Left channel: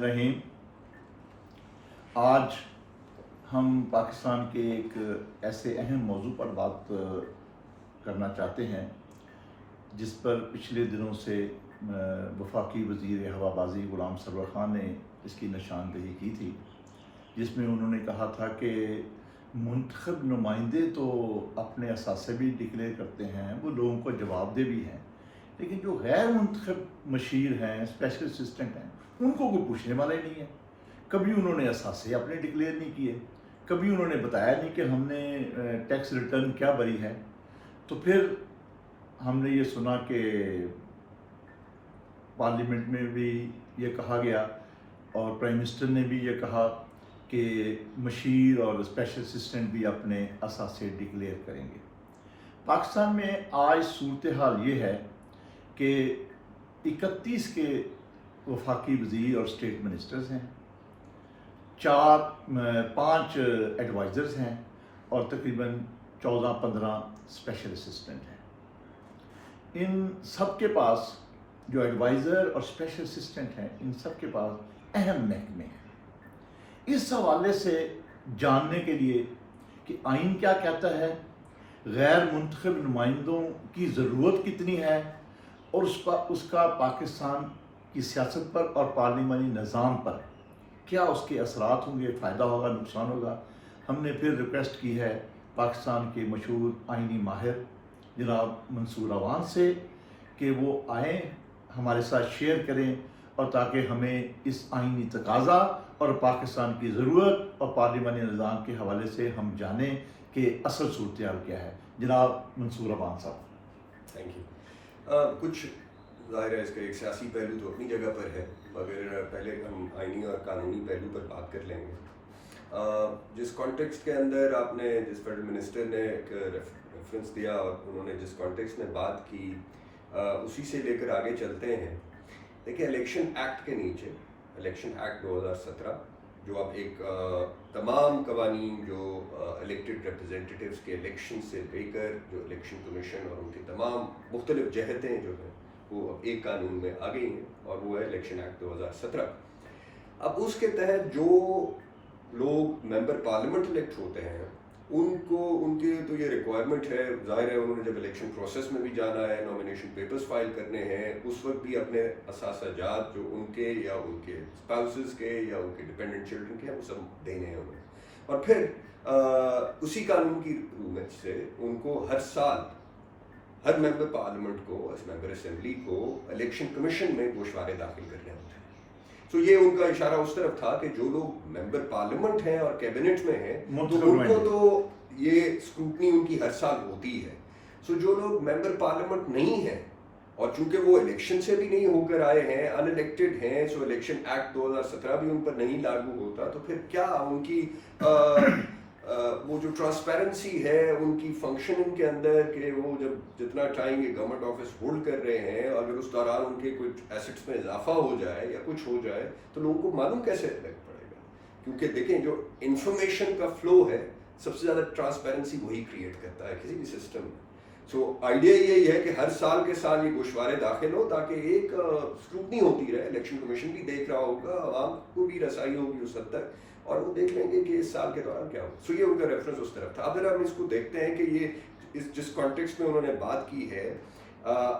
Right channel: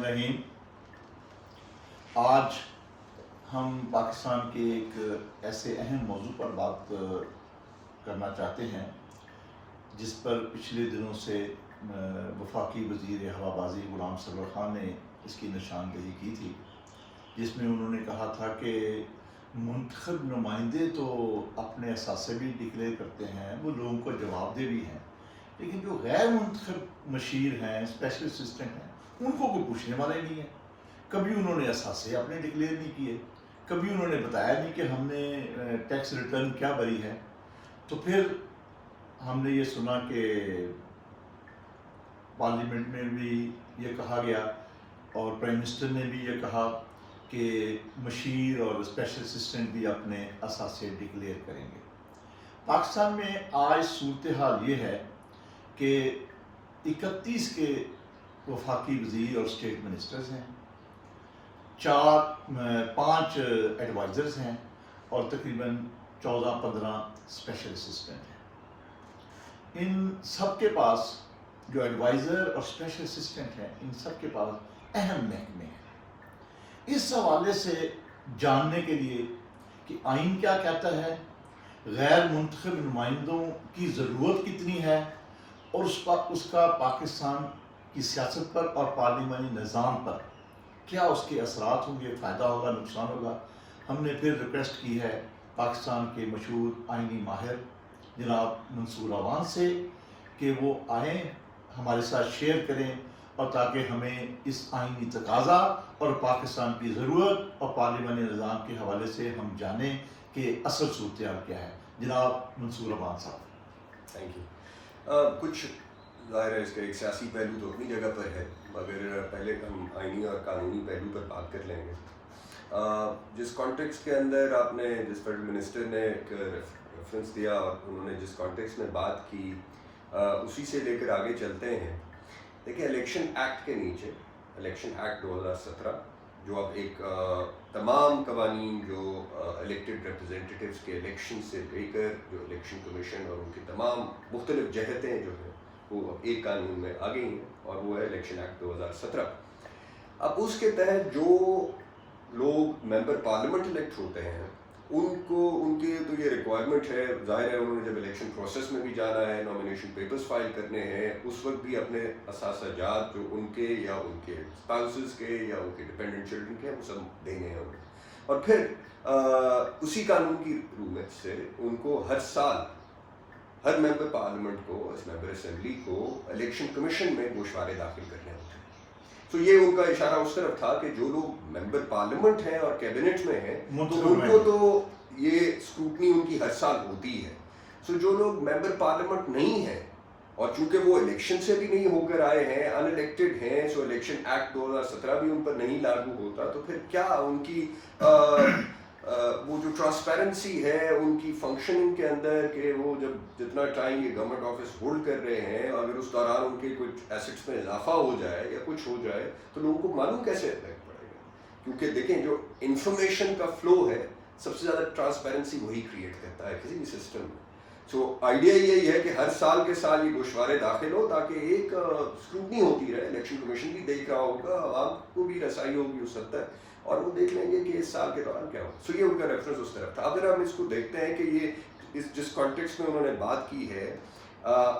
الرحیم. آج ہم پاکستان کے ایک ایسے اہم موضوع پر بات کرنا چاہتے ہیں جس پر پچھلے دنوں سے وفاقی وزیر ہوابازی غلام سرور خان نے اس کی نشاندہی کی تھی، جس میں انہوں نے کہا تھا کہ منتخب نمائندے تو اپنے اثاثے بھی ڈکلیئر کرتے ہیں، وہ لوگوں کو جواب دہ بھی ہیں، لیکن جو غیر منتخب مشیر ہیں، اسپیشل اسسٹنٹ ہیں، ان کو کوئی پوچھنے والا ہی نہیں ہے. کبھی انہوں نے اثاثے اپنے ڈکلیئر نہیں کیے، کبھی انہوں نے بتایا نہیں کہ ہم نے ٹیکس ریٹرن کیا بھری ہے. تو پھر ہم نے یہ سنا کہ پارلیمنٹ میں بھی یہ کہا گیا اور پرائم منسٹر نے بھی یہ کہا کہ مشیر اور اسپیشل اسسٹنٹ بھی اپنے اثاثے ڈکلیئر کریں گے. پاکستان میں آج صورتحال یہ ہے کہ 31 کے وفاقی وزیر اور اسٹیٹ منسٹرز ہیں، 5 ایڈوائزرز ہیں اور تقریباً 14-15 اسپیشل اسسٹنٹ ہیں. ان سب کے پاس جو ایڈوائزر اور اسپیشل اسسٹنٹ ہیں، ان سب کے پاس اہم محکمے ہیں. اس حوالے سے جاننے کے لیے کہ آئین کیا کہتا ہے، غیر منتخب نمائندوں کی ضرورت کتنی ہے اور اس کا پاکستان کی سیاست پر اور پارلیمانی نظام پر کیا اس کے اثرات ہوں گے، فائدہ ہوگا، نقصان ہوگا، ہم نے پھر ریکویسٹ کی ہے پاکستان کے مشہور آئینی ماہر جناب منصور اعوان سے کہ وہ آئیں، ہمارے ساتھ شیئر کریں، اور تاکہ ہمیں اس آئینی تقاضا اور پاکستان کی ضرورت اور پارلیمانی نظام کے حوالے سے ہم جانیں کہ اصل صورتحال کیا ہے. جناب منصور اعوان صاحب. Thank you. کچھ ظاہر ہے اس کا ایک سیاسی پہلو تو اپنی جگہ پر ہے، مگر پہلے ہم آئینی اور قانونی پہلو پر بات کر لیں گے. جس کانٹیکسٹ کے اندر آپ نے، جس فیڈرل منسٹر نے ایک ریفرنس دیا اور انہوں نے جس کانٹیکسٹ میں بات کی، اسی سے لے کر آگے چلتے ہیں. دیکھیں، الیکشن ایکٹ کے نیچے، الیکشن ایکٹ 2017 جو اب ایک تمام قوانین جو الیکٹڈ ریپرزینٹیٹیوز کے الیکشن سے لے کر جو الیکشن کمیشن اور ان کی تمام مختلف جہتیں جو ہیں وہ ایک قانون میں آ گئی ہیں، اور وہ ہے الیکشن ایکٹ 2017. اب اس کے تحت جو لوگ ممبر پارلیمنٹ الیکٹ ہوتے ہیں ان کی تو یہ ریکوائرمنٹ ہے، ظاہر ہے انہوں نے جب الیکشن پروسیس میں بھی جانا ہے، نامینیشن پیپرز فائل کرنے ہیں، اس وقت بھی اپنے اثاثہ جات جو ان کے یا ان کے اسپاؤسز کے یا ان کے ڈپینڈنٹ چلڈرن کے ہیں وہ سب دینے ہیں انہیں. اور پھر اسی قانون کی رومت سے ان کو ہر سال ہر ممبر پارلیمنٹ کو، ممبر اسمبلی کو الیکشن کمیشن میں گوشوارے داخل کرنے ہوتے ہیں. تو یہ ان کا اشارہ اس طرف تھا کہ جو لوگ ممبر پارلیمنٹ ہیں اور کیبنٹ میں ہیں تو ان کو تو یہ اسکروٹنی ان کی ہر سال ہوتی ہے. سو جو لوگ ممبر پارلیمنٹ نہیں ہیں اور چونکہ وہ الیکشن سے بھی نہیں ہو کر آئے ہیں، ان الیکٹڈ ہیں، سو الیکشن ایکٹ 2017 بھی ان پر نہیں لاگو ہوتا، تو پھر کیا ان کی وہ جو ٹرانسپیرنسی ہے ان کی فنکشننگ کے اندر کہ وہ جب جتنا ٹائم یہ گورنمنٹ آفس ہولڈ کر رہے ہیں، اگر اس دوران ان کے کچھ ایسٹس میں اضافہ ہو جائے یا کچھ ہو جائے تو لوگوں کو معلوم کیسے افیکٹ پڑے گا. کیونکہ دیکھیں، جو انفارمیشن کا فلو ہے سب سے زیادہ ٹرانسپیرنسی وہی کریٹ کرتا ہے کسی بھی سسٹم میں. سو آئیڈیا یہی ہے کہ ہر سال کے سال یہ گوشوارے داخل ہو تاکہ ایک اسکروٹنی ہوتی رہے، الیکشن کمیشن بھی دیکھ رہا ہوگا، عوام کو بھی رسائی ہوگی اس حد تک، اور وہ دیکھ لیں گے کہ اس سال کے دوران کیا ہو. سو یہ ان کا ریفرنس اس طرف تھا. اگر ہم اس کو دیکھتے ہیں کہ یہ جس کانٹیکسٹ میں انہوں نے بات کی ہے،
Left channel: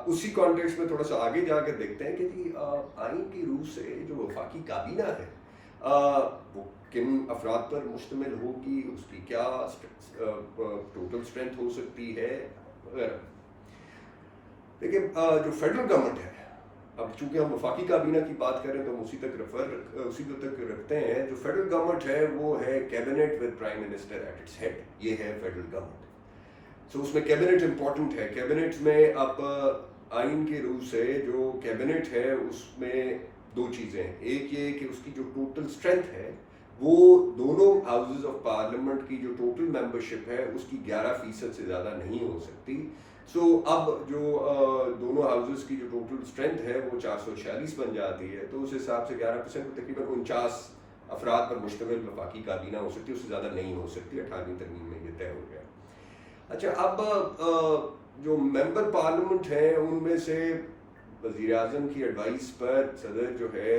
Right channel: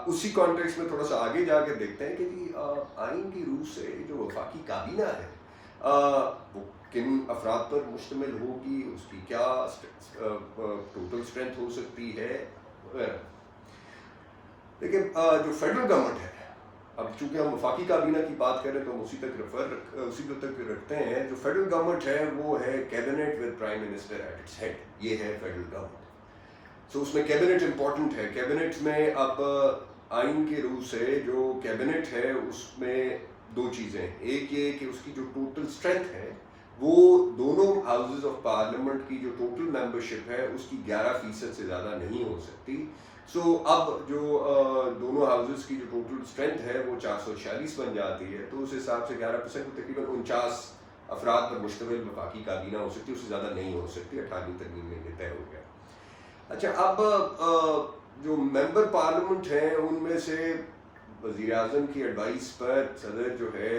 اسی کانٹیکسٹ میں تھوڑا سا آگے جا کر دیکھتے ہیں کہ جی آئین کی روح سے جو وفاقی کابینہ ہے وہ کن افراد پر مشتمل ہوگی، اس کی کیا ٹوٹل اسٹرینتھ ہو سکتی ہے وغیرہ. لیکن جو فیڈرل گورنمنٹ ہے، اب چونکہ ہم وفاقی کابینہ کی بات کریں تو ہم اسی تک رکھتے ہیں. جو فیڈرل گورنمنٹ ہے وہ ہے cabinet with prime minister at its head, یہ ہے فیڈرل گورنمنٹ. سو اس میں کیبنٹ امپورٹنٹ ہے. کیبنٹ میں اب آئین کی روح سے جو کیبنٹ ہے اس میں دو چیزیں ہیں. ایک یہ کہ اس کی جو ٹوٹل اسٹرینتھ ہے وہ دونوں ہاؤسز آف پارلیمنٹ کی جو ٹوٹل ممبرشپ ہے اس کی 11% سے زیادہ نہیں ہو سکتی. سو اب جو دونوں ہاؤسز کی جو ٹوٹل اسٹرینتھ ہے وہ 446 بن جاتی ہے، تو اس حساب سے 11% تقریباً 49 افراد پر مشتمل وفاقی کابینہ ہو سکتی ہے، اس سے زیادہ نہیں ہو سکتی. 18ویں ترمیم میں یہ طے ہو گیا. اچھا، اب جو ممبر پارلیمنٹ ہیں ان میں سے وزیر اعظم کی ایڈوائس پر صدر جو ہے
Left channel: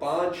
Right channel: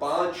5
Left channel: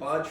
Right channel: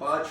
5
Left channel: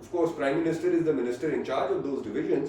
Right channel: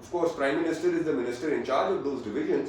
Of course, Prime Minister is the minister in charge of those divisions,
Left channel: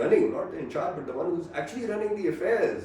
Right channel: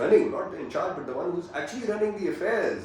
running, not the in charge but the one who is actually running the affairs,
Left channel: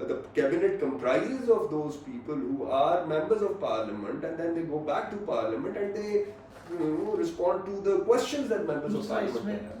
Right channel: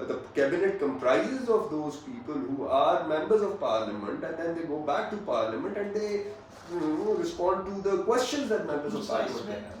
the cabinet comprises of those people who are members of parliament, and then they go back to parliament and they respond to the questions that members of parliament have.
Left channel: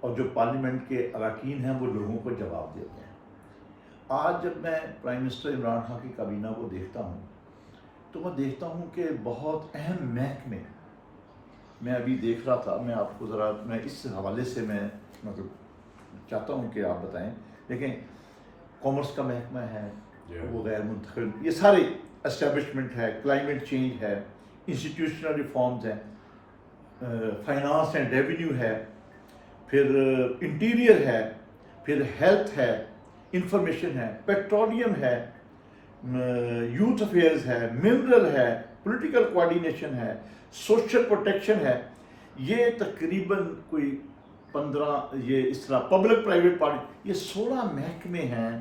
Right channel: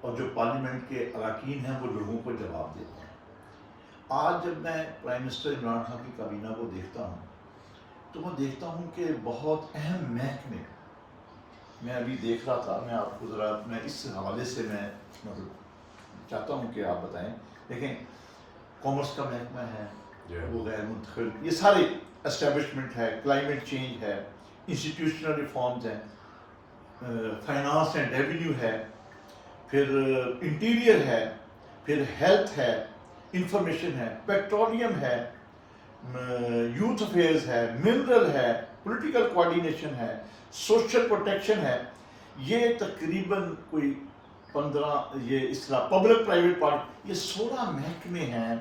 اور جو parliament کے اراکین ہیں وہ لوگوں کو جواب دیتے ہیں. آج جب میں پرائم منسٹر عمران خان کی کابینہ کو دیکھتا ہوں تو میں دیکھتا ہوں کہ بہت اہم محکمے میں ابھی دیکھ رہا تھا. میں آپ کو ذرا میں اس حوالے سے میں مطلب چاہتا ہوں کہ آپ بتائیں. دیکھیں کامرس کا محکمہ ہے وہ غیر منتخب, یہ سارے اسٹیبلشمنٹ ہے, کلائمیٹ چینج ہے, انسٹیٹیوشنل ریفارمز ہیں, فائنانس اینڈ ریونیو ہے, پھر انٹیریئر ہے, پھر ہیلتھ ہے, انفارمیشن ہے, پیٹرولیم ہے, یوتھ افیئرز ہے, منرل ہے, پولیٹیکل کوآرڈینیشن ہے, سوشل پروٹیکشن ہے. یہ تقریباً کوئی 15 یہ اس طرح پبلک پرائیویٹ پارٹنر, یہ 16 محکمے ہیں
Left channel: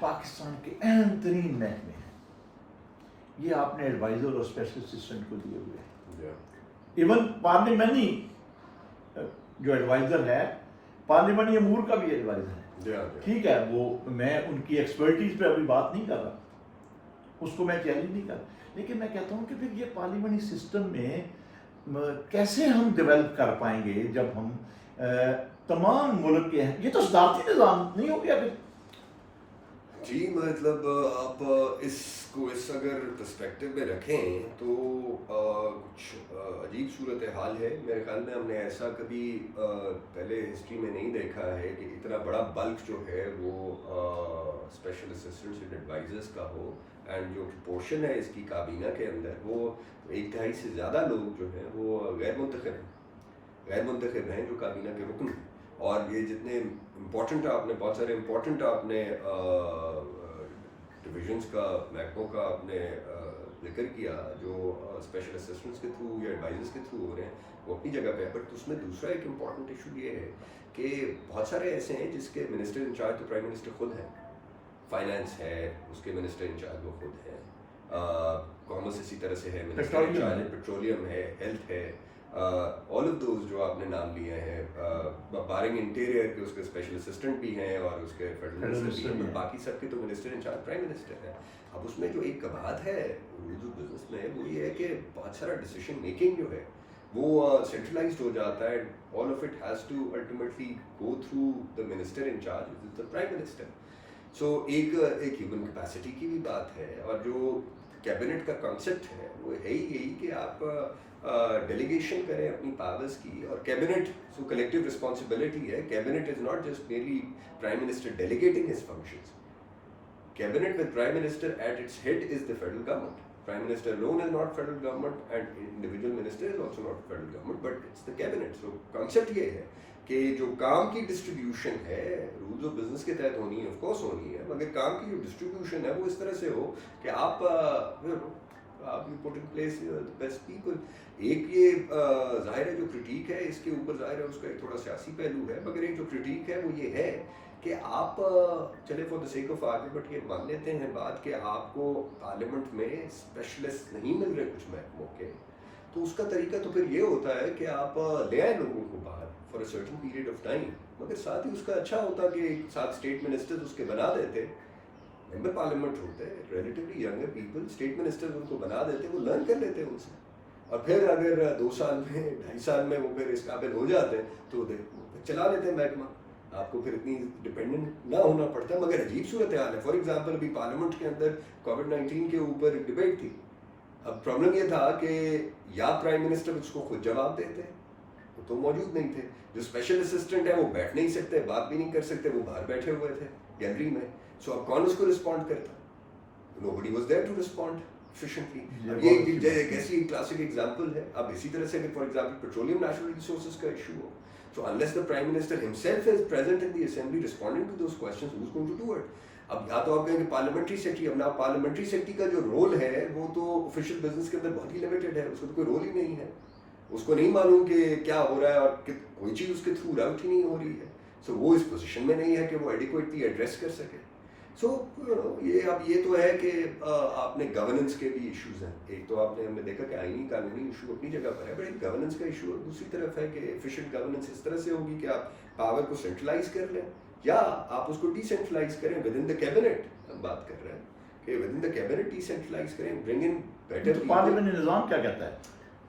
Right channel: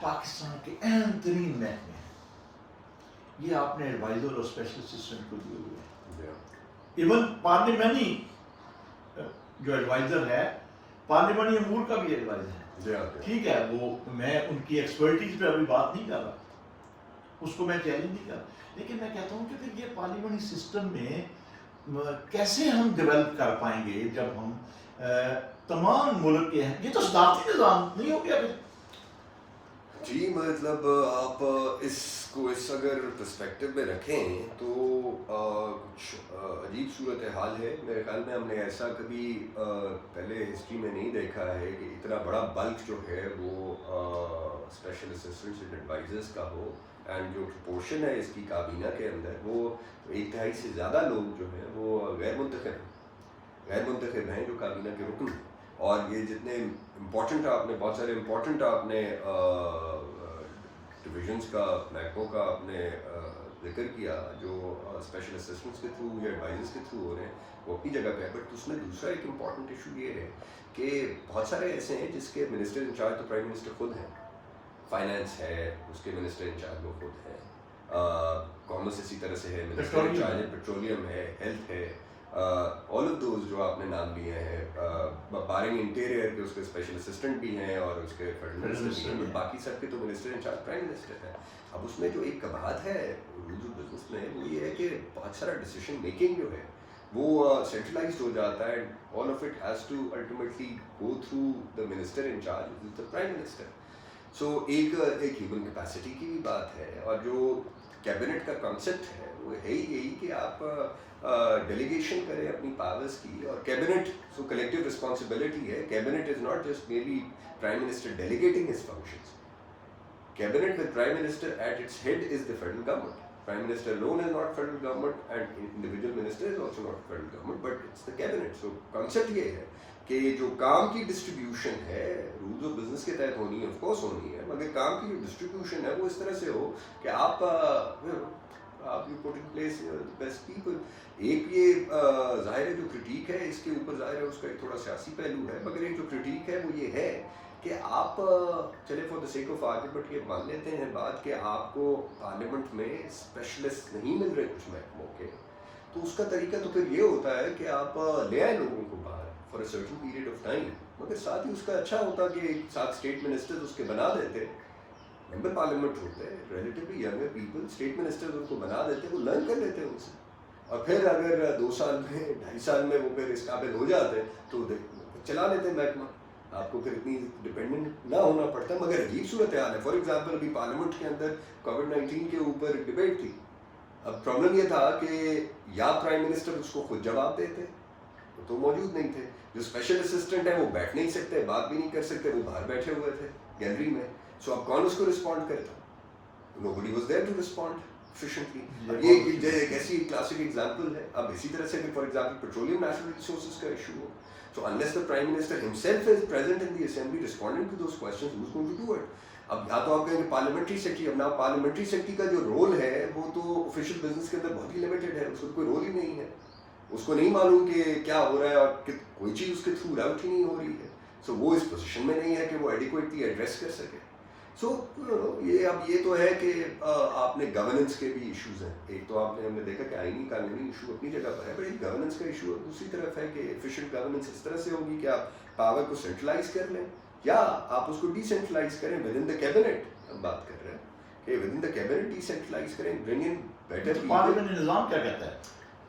پاکستان کے اہم ترین محکمے ہیں. یہ آپ نے ایڈوائزر اور اسپیشل اسسٹنٹ کو دیے ہوئے ہیں. ایون پارلیمانی جو ایڈوائزر ہے, پارلیمانی امور کا بھی ایڈوائزر ہے. ٹھیک ہے, وہ میں ان کی ایکسپرٹیز پہ ابھی بات نہیں کر رہا, اس کو میں چیلنج نہیں کر رہا, لیکن میں کہتا ہوں کہ پھر یہ پارلیمانی سسٹم میں کیسے ہم ڈیولپ کر پائیں گے جب ہم تمام ملک کے ہیں. یہ تو صدارتی نظام نہیں ہو گیا پھر. جی مطلب آپ اس کو اس اگر پرسپیکٹو میں رکھیں تو کچھ عجیب صورتحال ہے. میرے خیال میں ہم نے ایسا کبھی پہلے ہسٹری میں نہیں دیکھا ہے کہ اتنا بڑا بلک جو ہے وہ اسپیشل اسسٹنٹس اینڈ ایڈوائزرس کا ہو, اینڈ جو پورشن ہے اس کی کابینہ کے اندر وہ 1/2 سے زیادہ لوگ جو ہیں وہ غیر منتخب ہیں جو کابینہ کے رکن ہیں. اور یہ جتنے امپورٹنٹ آپ نے بہت سارے امپورٹنٹ آپ نے ڈویژنس کا محکموں کا آپ نے ذکر کیا جو اسپیشل اسسٹنٹس کے تھرو یا ایڈوائزرس کے تھرو ہو رہے ہیں, وہ اپنی جگہ پہ ہے. بٹ اس میں دوسرا ایک امپورٹنٹ ایشو یہ ہے کہ بہت سارے ایسے ہیں جس کے منسٹر انچارج تو پرائم منسٹر خود ہیں. فائنانس ہے, اس کے منسٹر انچارج وہ خود ہیں. کامرس اسی طرح سے ہے, منسٹر انچارج پیٹرولیم ہے, ہیلتھ ہے, آل آف دوز جو آپ نے نام لیے ہیں, بارنگ انٹیریئر کے اس کے اسپیشل اسسٹنٹ بھی ہیں اور اس کے فیڈرل منسٹر بھی ہیں, باقی سب کے تو منسٹر انچارج پرائم منسٹر ہے. اب اس میں جو ایک بات ہے رولز آف بزنس میں وہ یہ ہے کہ بہت سارا ڈیسیشن میکنگ جو ہے وہ سینٹرلائزڈ ہو جاتا ہے, and all of it has to ultimately go through the minister in charge the prime minister. So ایک ہیومن کیپیسٹی کی بھی بات ہے, اور جو کیبنٹ کا کانسیپٹ ہے وہ ہے ہی یہی کہ آپ ڈیلیگیشن کریں اپنی پاورز کی. اور کیبنٹ سو کلیکٹیو رسپانسبلٹی ہے. Cabinet is not just میرلی prime minister delegating his functions. Cabinet with Prime Minister at its head is the federal government. Prime Minister alone is not federal government and individual minister is also not federal government, but it's the cabinet. So concept یہ ہے کہ جو کام کی distribution ہے rules of business کے تحت ہونی ہے, آف کورس ہونی ہے, مگر کام کی جو ڈسٹریبیوشن ہے وہ اس طرح سے ہو کہ آپ you put in place best people. ایک یہ ظاہر ہے جو کرٹیک ہے اس کے اوپر ظاہر ہے اس کا ایک تھوڑا سیاسی پہلو ہے, مگر ایک جو کرٹیک ہے وہ یہ ہے کہ آپ چلے for the sake of argument یہ مان لیتے ہیں بات کہ آپ کو پارلیمنٹ میں اسپیشلسٹ نہیں مل رہے کچھ محکموں کے, تو اس کا طریقہ تو پھر یہ ہوتا ہے کہ آپ لے آئیں لوگوں کو باہر for a certain period of time. مگر ساتھ ہی اس کا اچھا ہوتا کہ 7 اسٹیٹ منسٹرز اس کے بنا دیتے, ممبر پارلیمنٹ ہوتے relatively younger people, state ministers ان کو بنا دیتے, وہ لرن کر لیتے ان سے, اور پھر اگر 2 سال میں 2.5 سال میں وہ پھر اس قابل ہو جاتے تو چلا لیتے محکمہ, آپ کو پھر اتنی ڈپینڈنٹ نہ ہونا پڑتا. مگر عجیب صورتحال ہے. فار ایگزامپل ابھی پارلیمنٹ کے اندر کووڈ-19 کے اوپر ڈبیٹ تھی. اب پرابلم یہ تھا کہ یا پرائم منسٹر اس کو خود جواب دیتے, وہ تو موجود نہیں تھے. جو اسپیشل اسسٹنٹ ہیں وہ بیٹھ نہیں سکتے, بات بھی نہیں کر سکتے, وہ باہر بیٹھے ہوئے تھے گیلری میں. سو اب کون اس کو رسپونڈ کرتا؟ Nobody was there to respond efficiently. یہ ایک ایسی کلاسک ایگزامپل ہے. اب اسی طرح سے اگر for example petroleum natural resources کا ایشو ہو, so unless the Prime Minister himself is present in the Assembly responding to those questions, who's going to do it? اب یا تو آپ کہیں گے پارلیمنٹری سیکرٹری. اب نا پارلیمنٹری سیکرٹری کا جو رول ہے وہ تو آفیشیل بزنس کے اندر بہت ہی لمیٹڈ ہے, اس کو تو کوئی رول ہی نہیں ہے, اس کو نہیں معلوم کہ کیا ہو رہا ہے اور کوئی چیز اس کے تھرو آؤٹ ہی نہیں ہو رہی ہے. سو وہ اس پوزیشن میں نہیں ہے کہ وہ ایڈیکویٹلی ایڈریس کر سکے. سو یہ تو ہے کہ آپ نے گورننس کے بھی ایشوز ہیں. ایک تو آپ نے ہم نے دیکھا کہ آئینی قانونی ایشو اپنی جگہ پر ہے, بٹ ایک گورننس کا ایشو دوسری طرف ہے کہ ایفیشینٹ گورننس اس طرح سے ہوگی کہ آپ پاور کو سینٹرلائز کر لیں یا آپ اس کو ڈی سینٹرلائز کریں ود ان دا کیبنٹ. ہم بات کر رہے ہیں کہ within the cabinet decentralise کریں, برنگ ان بیٹر. پارلیمنٹ نظام کیا کہتا ہے؟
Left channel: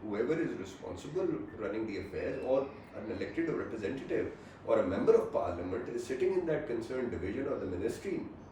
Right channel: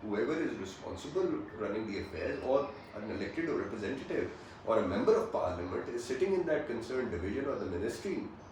whoever is responsible running the affairs, or an elected or representative or a member of parliament is sitting in that concerned division or the ministry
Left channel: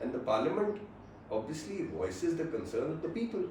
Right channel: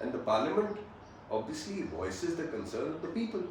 and the parliament obviously voices the concern of the people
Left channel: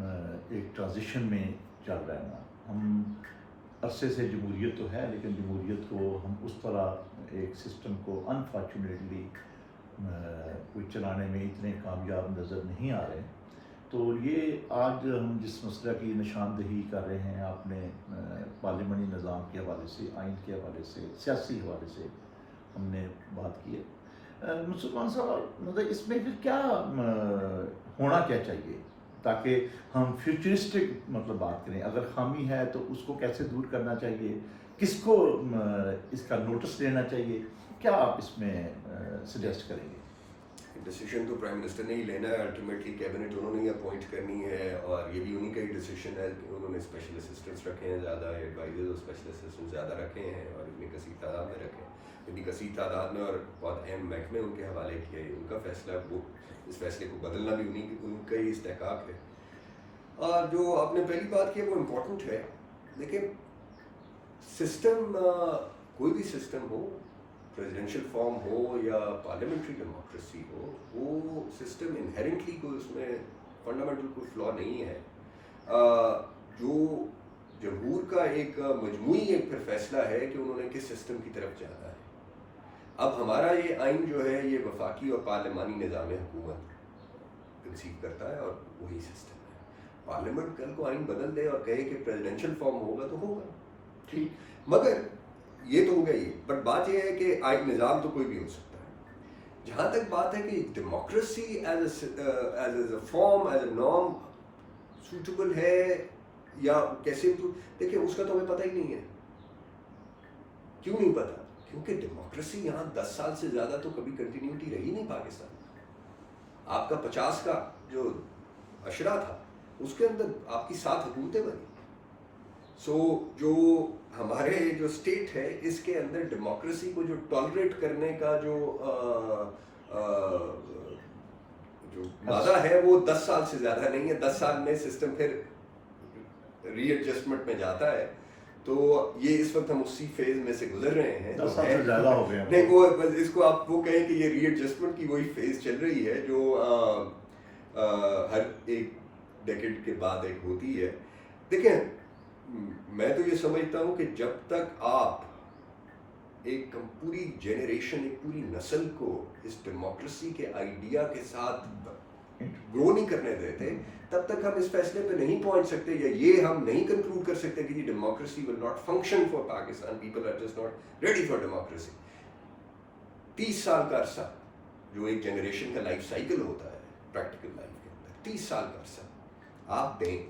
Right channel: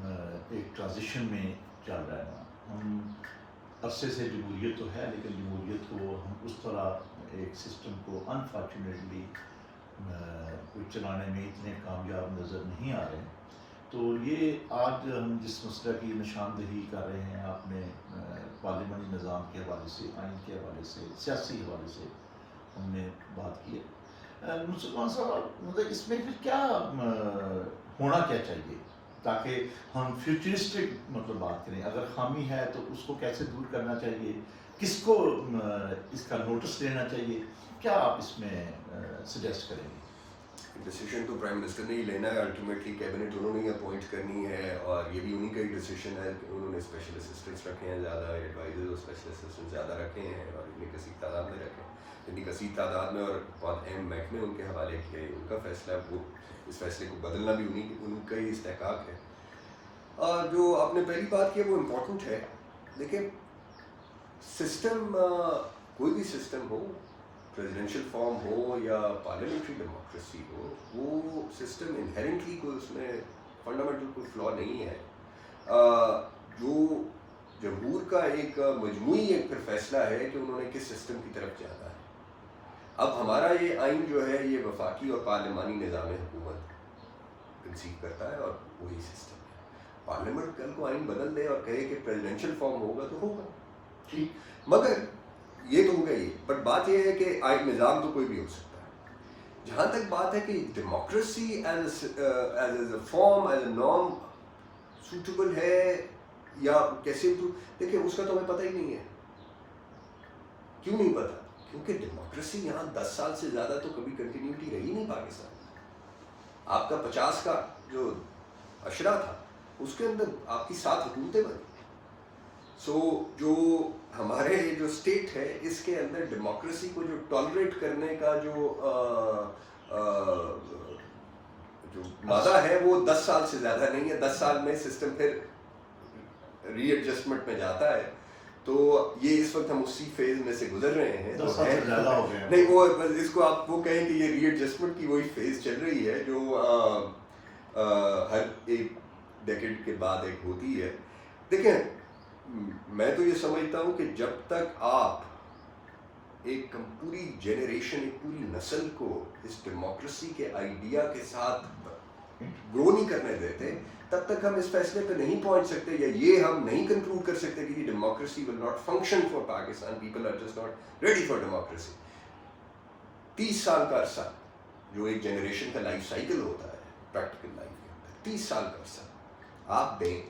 ایک transition میں چل رہا ہے نا. ہم عرصے سے جمہوریت تو ہے لیکن جمہوریت کو ہم اس طرح ایک سسٹم کو انفارچونیٹلی کوئی چلانے میں اتنے کامیاب نظر نہیں آ رہے. تو یہ آج ہم جس مسئلہ کی نشاندہی کر رہے ہیں آپ نے پارلیمانی نظام کے حوالے سے, آئین کے حوالے سے, سیاسی حوالے سے ہم نے بات کی ہے. مسلمان صاحب مطلب اس میں پھر کیا ہونا کیا چاہیے تاکہ ہم فیوچرسٹک مطلب بات کریں. اگر خامی ہے تو اس کو کیسے دور کرنا چاہیے, کس کو اس کا نوٹس لینا چاہیے, کیا آپ اس میں سجیسٹ کریں گے؟ ڈیسیشن تو پرائم منسٹر نے ہی لینا ہے, الٹیمیٹلی کیبنٹ انہوں نے ہی اپوائنٹ کرنی ہے, اور یہ بھی انہیں کا ہی ڈیسیشن ہے کہ انہوں نے اسپیشل اسسٹنٹس رکھے ہیں زیادہ, ایڈوائزرز اور اسپیشل اسسٹنٹ زیادہ رکھے ہیں اور اتنی کثیر تعداد میں رکھے ہیں, اتنی کثیر تعداد میں اور بہت اہم محکمے ان کے حوالے کیے. ان کا فیصلہ, وہ اس فیصلے کو بدلنا بھی ان کا ہی استحقاق ہے. جو آپ نے پہلی بات کی وہ امپورٹنٹ ہے, لیکن سسٹم کوئی بھی سسٹم ہو, پریزیڈینشیل فارم ہو یا پارلیمنٹری ڈیموکریسی ہو, وہ سسٹم انہیرنٹلی کوئی اس میں فنڈامنٹل کوئی فلا نہیں ہے. جو جمہور کا ایک مجموعی ایک پھر فیصلہ ہے کہ انہوں نے کس سسٹم کی طرف جانا ہے. اب ہمارا یہ آئین جو ہے یہ وفاقی اور پارلیمانی نظام حکومت کنسیو کرتا ہے اور وہی سسٹم ہے. پارلیمنٹ کل کو آئین بدل دے اور کہے کہ پریزیڈینشیل فارم ہوگا تو ہوگا, ٹھیک, مگر یہ تو ہوگا ہی. بٹ بات یہ ہے کہ آئین نظام تو کوئی بھی ہو سکتا ہے. جہاں تک بات ہے کہ democracy as a form, as a norm suitable ہے یا کیسے, دیکھیں اس کا تو ہمیں پتہ ہی نہیں ہے. کیوں نہیں پتہ؟ کیونکہ ڈیموکریسی یہاں 10 سال سے زیادہ تو کبھی کنٹینیوٹی رہی نہیں پاکستان. آپ کا 50 کا جو اشرا تھا اس کے اندر آپ کی 7 حکومتیں بنی. سو جو ہمارے جو اسٹیٹ ہے اس کے اندر ڈیموکریسی کو جو ٹالریٹ کرنے کا جو مادہ ہے وہ 10 سال سے زیادہ نہیں ہے. 10 سال میں سسٹم پھر ری ایڈجسٹمنٹ میں جاتا ہے. تو یہ اس وقت ہم اسی فیز میں سے گزر رہے ہیں. 10 سال سے زیادہ ہو گئے ہیں. نہیں, وہ اس کو آپ وہ کہیں کہ یہ ری ایڈجسٹمنٹ کی وہی فیز چل رہی ہے جو ہر ایک ڈیکیڈ کے بعد ایک ہوتی ہے. دیکھیں, میں تو یہ سمجھتا ہوں کہ جب تک آپ ایک پوری جنریشن, ایک پوری نسل کو اس ڈیموکریسی کے آئیڈیا کے ساتھ گرو نہیں کرنے دیتے, تب تک ہم اس فیصلے پہ نہیں پہنچ سکتے, یا یہ ہم نہیں کنکلوڈ کر سکتے کہ democracy will not function for Pakistan. People are just not ready for democracy. 30 سال کا عرصہ جو ایک جنریشن کا لائف سائیکل ہوتا ہے پریکٹیکل لائف کے اندر, 30 سال کا عرصہ آپ دیں,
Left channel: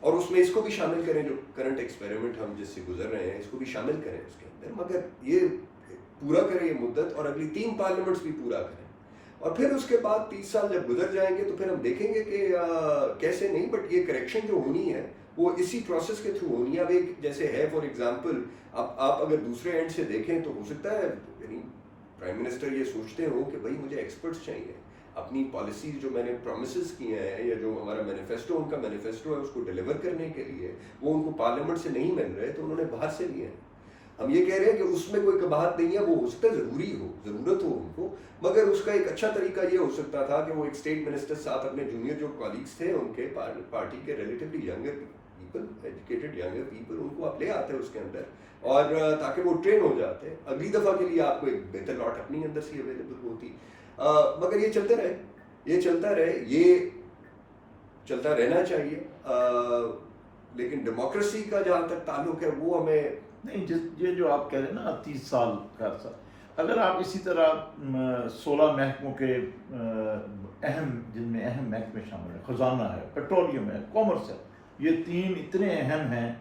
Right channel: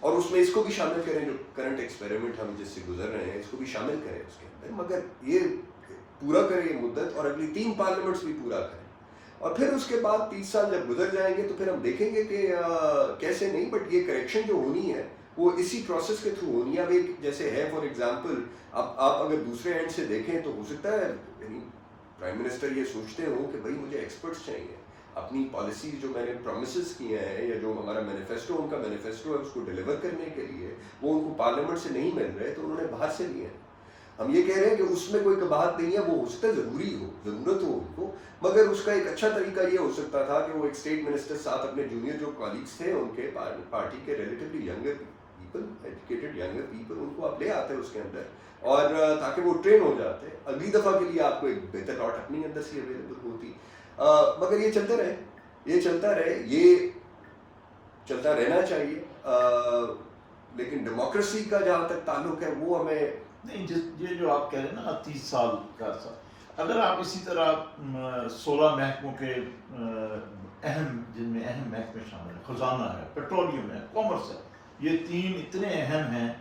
اور اس میں اس کو بھی شامل کریں جو کرنٹ ایکسپیریمنٹ ہم جس سے گزر رہے ہیں, اس کو بھی شامل کریں اس کے اندر, مگر یہ پورا کریں یہ مدت, اور اگلی 3 پارلیمنٹس بھی پورا کریں. اور پھر اس کے بعد 30 سال جب گزر جائیں گے تو پھر ہم دیکھیں گے کہ کیسے نہیں, بٹ یہ کریکشن جو ہونی ہے وہ اسی پروسیس کے تھرو ہونی ہے. اب ایک جیسے ہے فار ایگزامپل, آپ اگر دوسرے اینڈ سے دیکھیں تو ہو سکتا ہے یعنی پرائم منسٹر یہ سوچتے ہوں کہ بھائی مجھے ایکسپرٹس چاہیے, اپنی پالیسیز جو میں نے پرومسز کیے ہیں یا جو ہمارا مینیفیسٹو, ان کا مینیفیسٹو ہے اس کو ڈیلیور کرنے کے لیے وہ ان کو پارلیمنٹ سے نہیں مل رہے تو انہوں نے باہر سے لیے ہیں. ہم یہ کہہ رہے ہیں کہ اس میں کوئی قباحت نہیں ہے, وہ ہو سکتا ہے ضروری ہو, ضرورت ہو ان کو, مگر اس کا ایک اچھا طریقہ یہ ہو سکتا تھا کہ وہ ایک اسٹیٹ منسٹر ساتھ اپنے جونیئر جو کالیگس تھے ان کے پارٹی کے relatively younger people, educated younger people, ان کو آپ لے آتے اس کے اندر, اور تاکہ وہ ٹرین ہو جاتے, اگلی دفعہ کے لیے آپ کو ایک بہتر لاٹ اپنی اندر سے اویلیبل ہوتی. مگر یہ چلتا رہے, یہ چلتا رہے, یہ چلتا رہنا چاہیے. لیکن ڈیموکریسی کا جہاں تک تعلق ہے وہ ہمیں نہیں, یہ جو آپ کہہ رہے ہیں نا 30 سال کا عرصہ, اگر آپ اسی طرح 16 محکموں کے اہم, جن میں اہم محکمے شامل ہیں, خزانہ ہے, پیٹرولیم ہے, کامرس ہے, یہ 3 اتنے اہم ہیں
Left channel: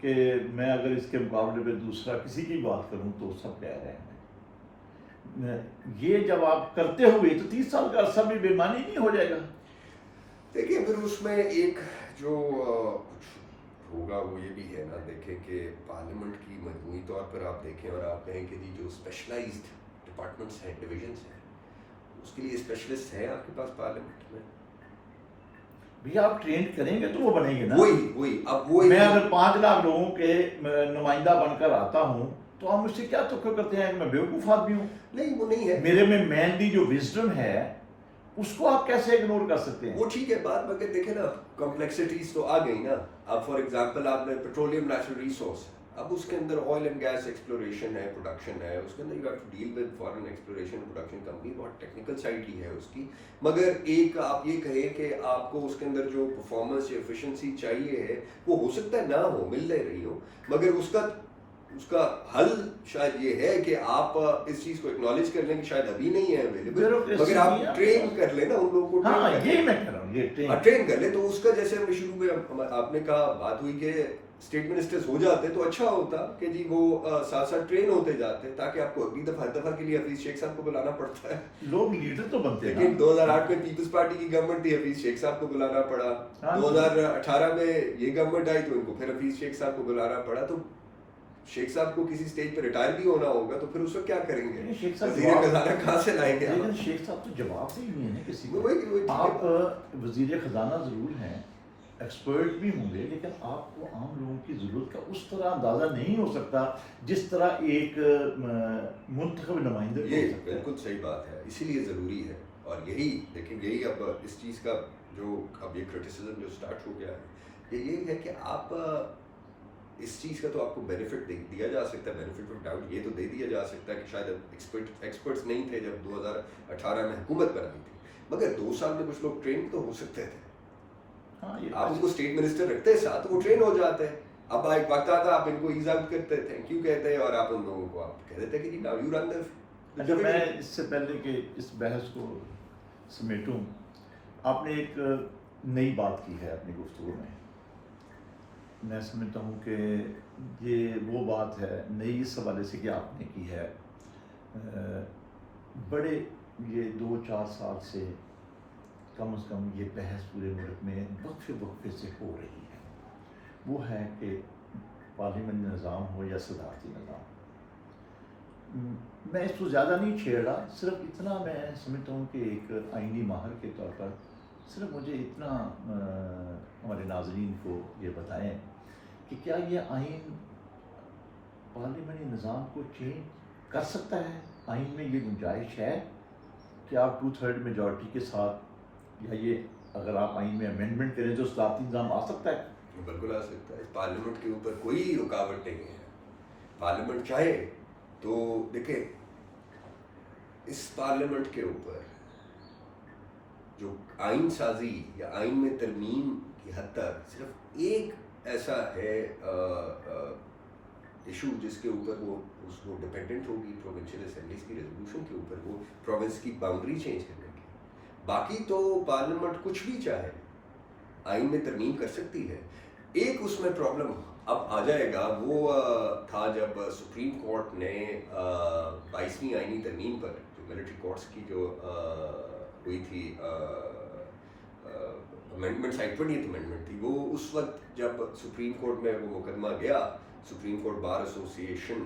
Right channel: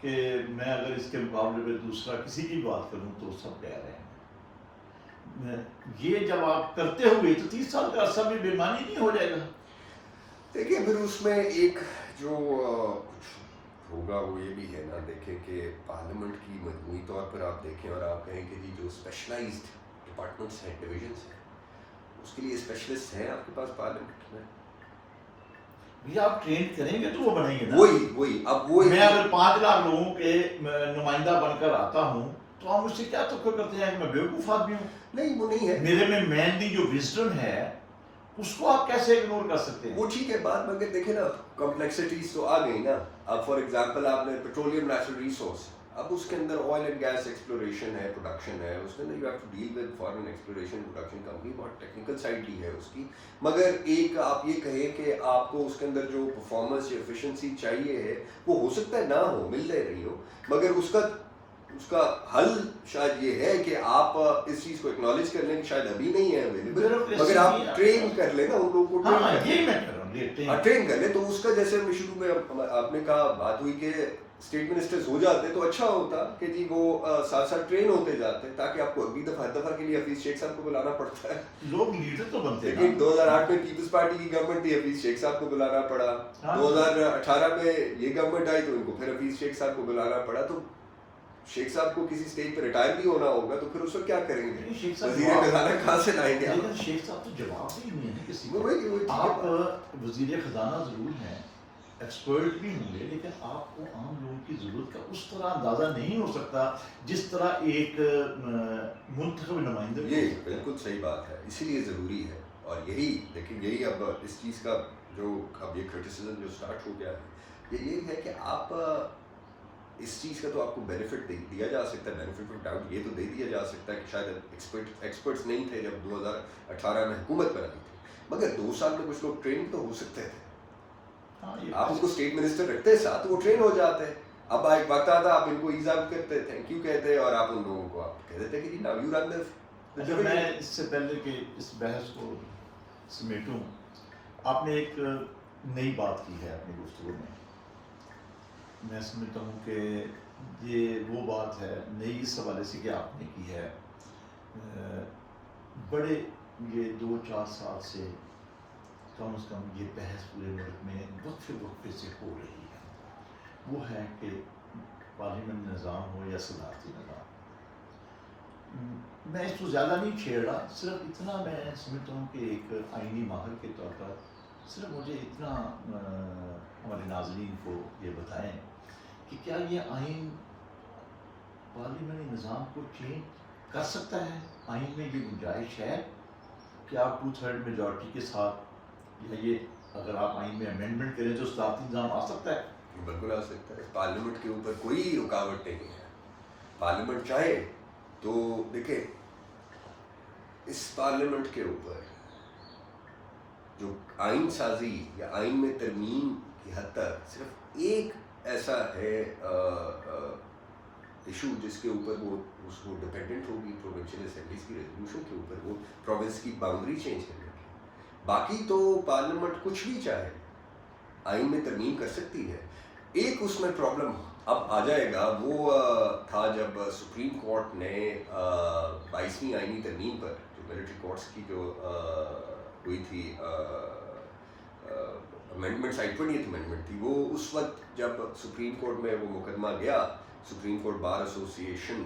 کہ میں اگر اس کے مقابلے میں دوسرا کسی کی بات کروں تو سب کہہ رہے ہیں. یہ جب آپ کرتے ہوئے تو 30 سال کا عرصہ بھی بے معنی نہیں ہو جائے گا؟ دیکھیے پھر اس میں ایک جو کچھ ہوگا وہ یہ بھی ہے نا, دیکھیں کہ پارلیمنٹ کی مجموعی طور پر آپ دیکھیں اور آپ کہیں کہ جی جو اسپیشلائزڈ ڈپارٹمنٹس ہیں, ڈویژنس ہیں, اس کے لیے اسپیشلسٹ ہیں آپ کے پاس پارلیمنٹ میں. بھی آپ ٹرین کریں گے تو وہ بنیں گے نا. وہی اب وہی, میں اگر 5 لاکھ لوگوں کے نمائندہ بن کر آتا ہوں تو آپ مجھ سے کیا توقع کرتے ہیں کہ میں بیوقوف آدمی ہوں؟ نہیں, وہ نہیں ہے. میرے میں مینلی جو وزڈم ہے اس کو آپ کیسے اگنور کر سکتے ہیں؟ وہ ٹھیک ہے بات، مگر دیکھیں نا کمپلیکسٹیز تو آ گئی نا. اب فار ایگزامپل آپ نے پیٹرولیم نیچرل ریسورس، اب اس کے اندر آئل اینڈ گیس ایکسپلوریشن ہے، پروڈکشن ہے، اس کے اندر you have to deal with foreign exploration production company, بہت ٹیکنیکل سائڈ ہی ہے اس کی. مگر ایک آپ یہ کہیں کہ آپ کو اس کے اندر جو پرفارمنس یا ایفیشنسی چاہیے ہے وہ ہو سکتا ہے نہ ہو، مل جائے رہی ہو، مگر اس کا حل شاید یہ ہے کہ آپ اس چیز کو اکنالج کر لیں کہ شاید ابھی نہیں ہے اویلیبل، مگر آپ ٹرین کر لیں نا ان لوگوں کو، ٹرین کر لیں. تو اس کا جیسے شروع میں آپ نے کہا بات ہوئی کہ اسٹیٹ منسٹرز ہو جاتے تو اچھا ہوتا کہ جی وہ ساتھ ساتھ ٹرین ہوتے جاتے، تاکہ آپ کو اگلی دفعہ کے لیے حفیظ شیخ صاحب کو بلانا پڑتا ہے. لوگ لیڈر تو بنتے ہیں. لیکن 2008 میں پیپلز پارٹی کی گورنمنٹ تھی، حفیظ شیخ صاحب کو بلانا پڑا. 2018 میں یہ گورنمنٹ آئی تو ان کو پھر حفیظ شیخ صاحب کو بلانا پڑا. تو شیخ صاحب کو کسی اسٹیج پہ ریٹائر بھی ہونا ہوگا تو پھر اس وقت کیا کریں گے؟ وزیر خزانہ کہاں سے لائیں گے؟ لیکن شیخ صاحب تو جواب سے ہی نہیں ہے کسی کو. آپ وزیر خزانہ ضرور ہیں، ایکسپرٹ بھی ہوں گے، لیکن آپ کو عام لوگوں کی ضرورت کا اس طرح اندازہ نہیں ہو سکتا جس طرح ایک منتخب نمائندے. یہ بالکل صحیح بات ہے، اسی لیے ضروری ہے. اور یہی دیکھیں، یہی اب اس چیز کا جو اب یہ کرٹیسزم جو اسٹارٹ ہو گیا ہے، یہ یہی ہے کہ آپ اس چیز کا تو آپ کو بینیفٹ دیا جا سکتا ہے، بینیفٹ آف ڈاؤٹ یہ تو دے دیا جا سکتا ہے کہ شاید ایکسپرٹس نہیں تھے جب 2018 میں حکومت بنائی تھی، مگر 2 سال میں کچھ لوگ ٹرین تو ہو سکتے تھے. آپ ان کو اسٹیٹ منسٹر رکھتے ساتھ وہ ٹرین ہو جاتے. اب ایک وقت آتا آپ ان کو ایز آؤٹ کرتے، تھینک یو کہتے، اور آپ ان لوگوں کو آپ کہہ دیتے کہ جی ناؤ یو رن دس. اچھا، میں اس سے پہلے کہ اس بحث کو سمیٹوں، آپ نے ایک نئی بات کی ہے اپنی گفتگو میں. میں سمجھتا ہوں کہ یہ وہ بات ہے نئی اس حوالے سے کہ آپ نے کی ہے، بڑے یہ 2-4 سال سے کم از کم یہ بحث پورے ملک میں وقفے سے ہو رہی ہے. وہ ہے کہ پارلیمنٹ نظام ہو یا صدارتی نظام. میں اس کو زیادہ نہیں چھیڑ رہا، صرف اتنا میں سمجھتا ہوں کہ ایک آئینی ماہر کے طور پر صرف مجھے اتنا ہمارے ناظرین کو یہ بتائیں کہ کیا یہ آئین پارلیمنٹی نظام کو چینج کر سکتا ہے؟ آئین میں یہ گنجائش ہے کہ آپ 2/3 میجورٹی کے ساتھ، یا یہ اگر آپ آئین میں امینڈمنٹ کریں تو صدارتی نظام آ سکتا ہے؟ بالکل آ سکتا ہے. پارلیمنٹ کے اوپر کوئی رکاوٹ نہیں ہے. پارلیمنٹ چاہے تو دیکھیں، اس پارلیمنٹ کے اوپر جو آئین سازی یا آئین میں ترمیم کی حد تک صرف ایک ایسا ہے ایشو جس کے اوپر وہ اس کو ڈپینڈنٹ ہوگی پروونشل اسمبلیز کی ریزولوشن کے اوپر، وہ پروونس کی باؤنڈری چینج کرنے کی. باقی تو پارلیمنٹ کچھ بھی چاہے آئین میں ترمیم کر سکتی ہے. ایک اس میں پرابلم اب آ جائے گا، وہ تھا جب سپریم کورٹ نے 22ویں آئینی ترمیم پر جو ملٹری کورٹس کی جو ہوئی تھی امینڈمنٹ، 20th امینڈمنٹ تھی، وہ اس وقت جب سپریم کورٹ میں وہ مقدمہ گیا، سپریم کورٹ بار ایسوسیشن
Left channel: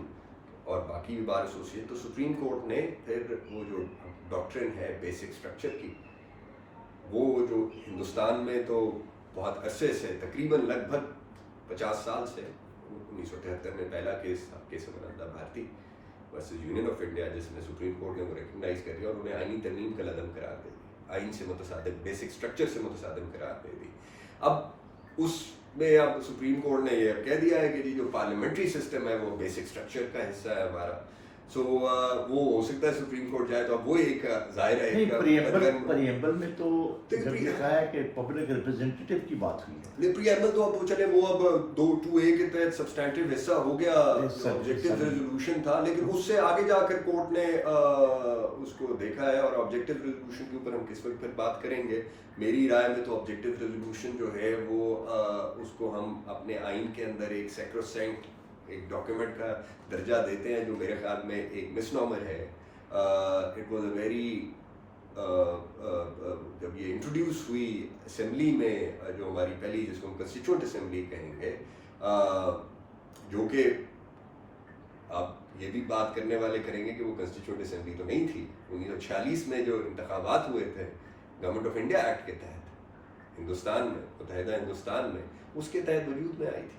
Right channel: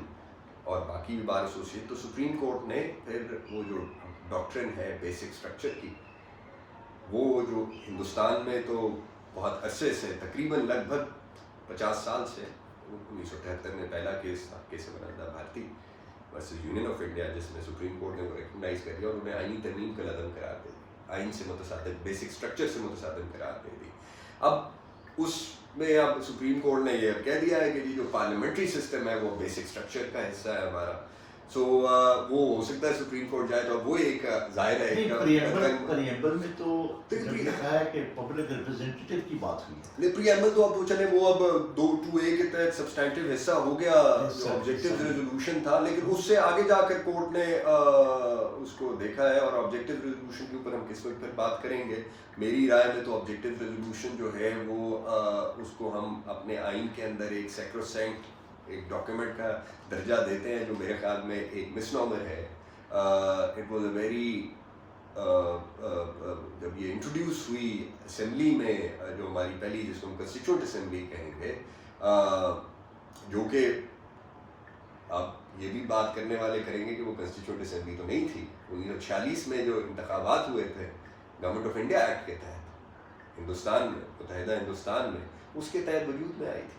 اور باقی بھی بار ایسوسیشن، تو سپریم کورٹ نے پھر وہ جو ڈاکٹرن ہے بیسک اسٹرکچر کی، وہ جو ہندوستان میں تو بہت عرصے سے تقریباً لگ بھگ 50 سال سے 1973 میں پہلا کیس تھا، کیس بنانا بھارتی ورسز یونین آف انڈیا، جس میں سپریم کورٹ نے وہ ریکگنائز کر دیا اور انہیں آئینی ترمیم کا لازم قرار دے دی، آئین سے متصادم، بیسک اسٹرکچر سے متصادم قرار دے دی. اب اس میں اب سپریم کورٹ نے یہ کہہ دیا ہے کہ جی جو پارلیمنٹری سسٹم ہے وہ بیسک اسٹرکچر کا حصہ ہے ہمارا. سو وہ ہو سکتا ہے سپریم کورٹ جائے تو اب وہ ایک ظاہر ہے پریمبل میں تو جب یہ کہا ہے کہ پبلک ریپرزینٹیٹیو کی بات ہوئی ہے، پریمبل تو اب چلے وہ اب 2(a) کے تحت سبسٹینٹیو حصہ ہو گیا، آبجیکٹیو ریزولوشن تھا، لیکن اس سے آگے جا کر کورٹ نے اس کو دیکھا ہے، اور آبجیکٹیو ریزولوشن کے اوپر ہم کس وقت پھر بات کریں گے. میری رائے میں تو آبجیکٹیو ریزولوشن جو ہے وہ اس کو ہم اپنے آئین کے اندر ایک سیکروسینکٹ ایک ڈاکیومنٹ کا درجہ دیتے ہیں، جو میرے خیال میں ایک مس نامر ہے. اٹ واز اے ویری جب یہ انٹروڈیوس ہوئی اسمبلی میں، جو ہماری پہلی، جس کو ہم کنسٹیچوئنٹ اسمبلی کہیں گے، جو کہ آپ یہ بھی بات کرنے والے کریں گے کہ وہ کنسٹیچوئنٹ اسمبلی تو نہیں تھی. 1946 میں جو انتخابات ہوئے تھے گورنمنٹ آف انڈیا ایکٹ کے تحت ہندوستان میں، متحدہ ہندوستان میں، اس کے تحت وجود میں آئی تھی.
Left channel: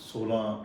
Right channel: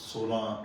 16